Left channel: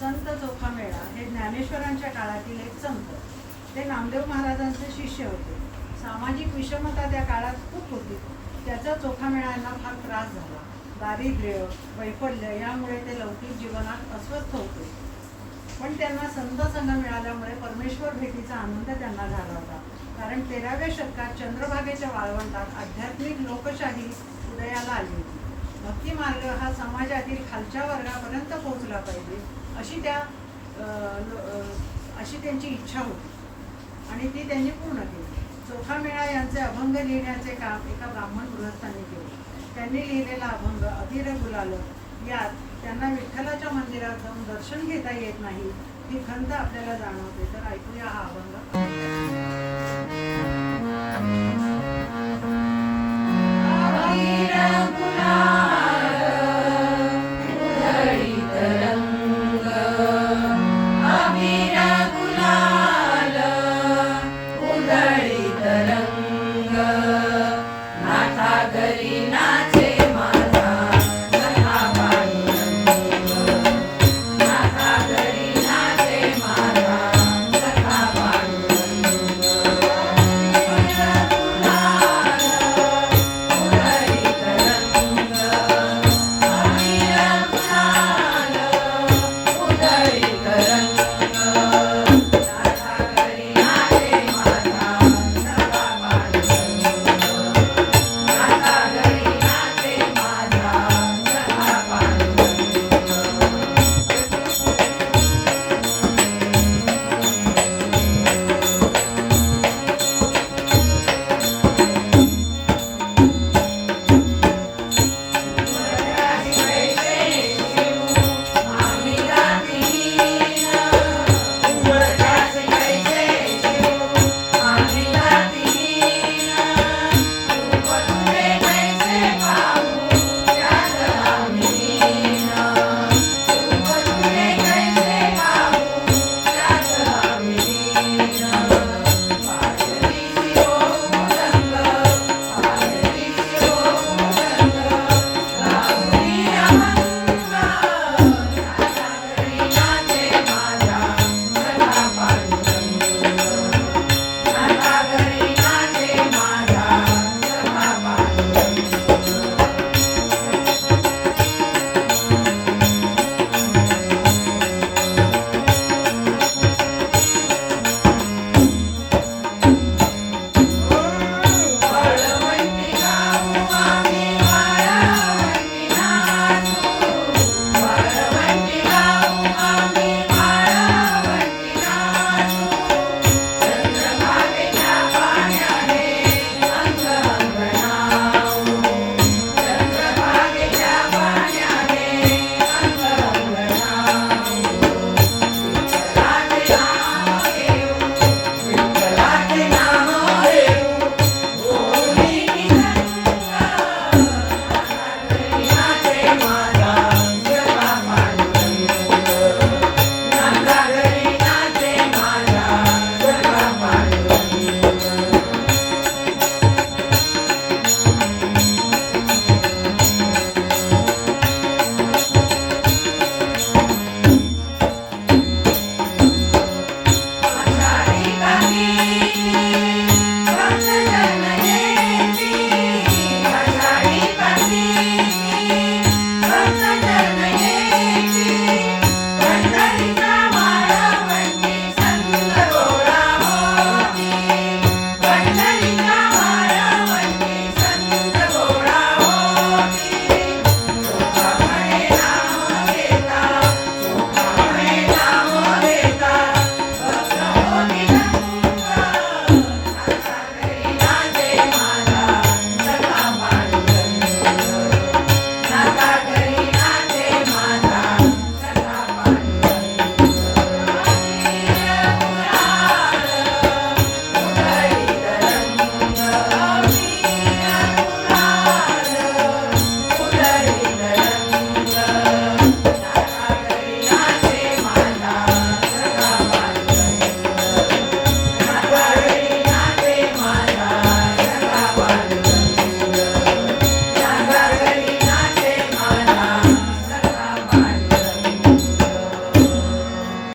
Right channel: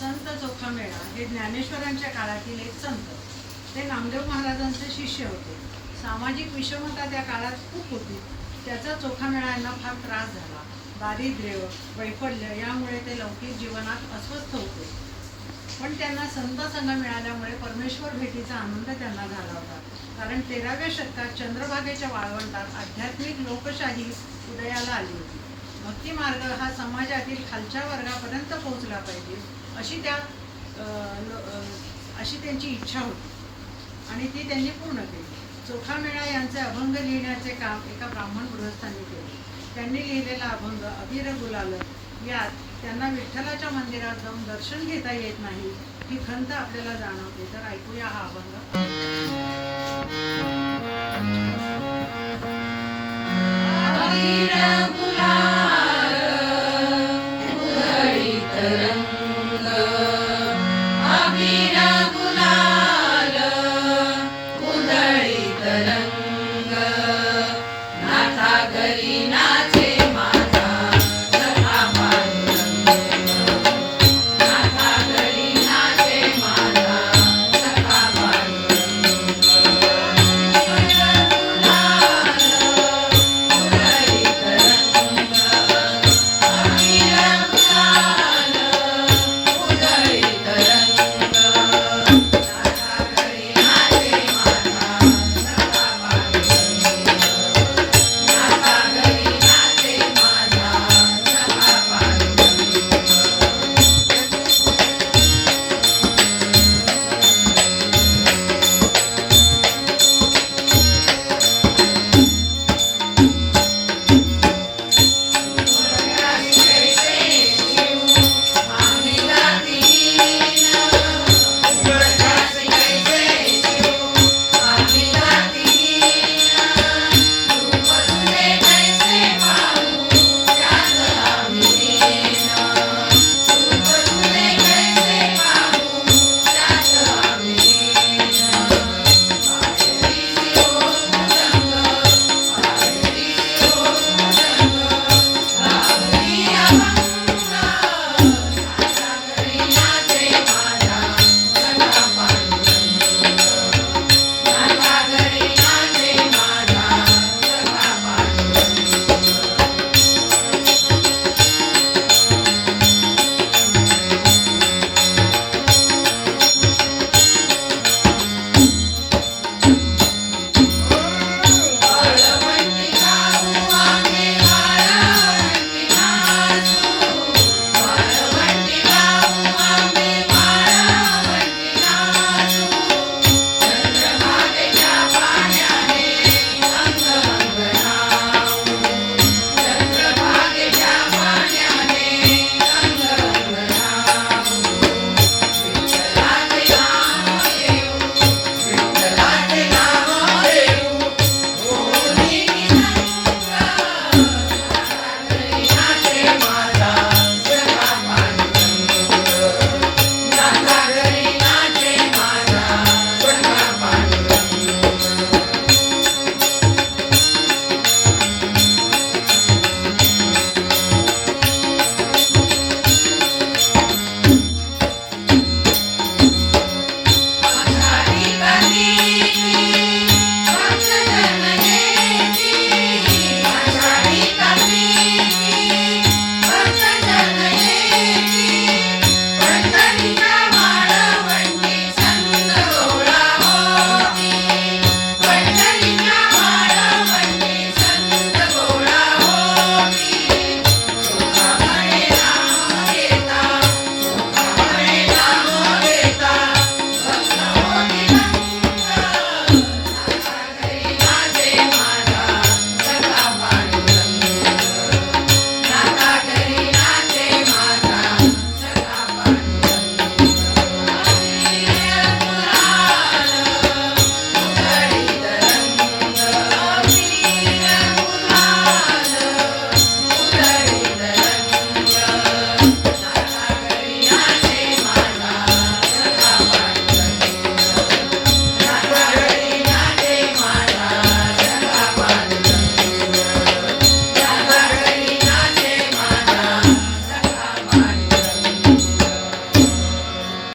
संत चोखामेळा हे ज्ञानेश्वरांच्या काळातील एक संत. ते नामदेव महाराजांचे शिष्य होते. सामाजिक विषमता त्या काळात खूप होती. त्याचा चोखामेळ्यांना फार त्रास झाला. दारिद्र्य वैफल्य यामुळे ते लौकिक जीवनात अस्वस्थ होते. पण त्यांना संत संघ मिळाल्यामुळे परमेश्वर भेटीचा आनंद त्यांना झाला होता. कारण तेराव्या शतकात चंद्रभागेच्या वाळवंटात आध्यात्मिक लोकशाही उदयाला आली होती. भक्ती मार्ग हा समाजातील खालच्या वर्गापर्यंत पोहोचला पाहिजे अशी त्या लो- अशी त्यांची इच्छा होती. आणि ती त्यांनी पूर्ण केली. चोखामेळा यांचे अभंग लिहिण्याचे काम एका ब्राह्मण गृहस्थांनी केले. त्यांनी लिहिलेला अभंग अभिर गुलाल यात त्यांना विठ्ठलाच्या मंदिरात जाऊन दर्शन घेता येत नाही ही खंत आपल्याला जाणवते. तर ऐकूया हा अभंग. गुलाल.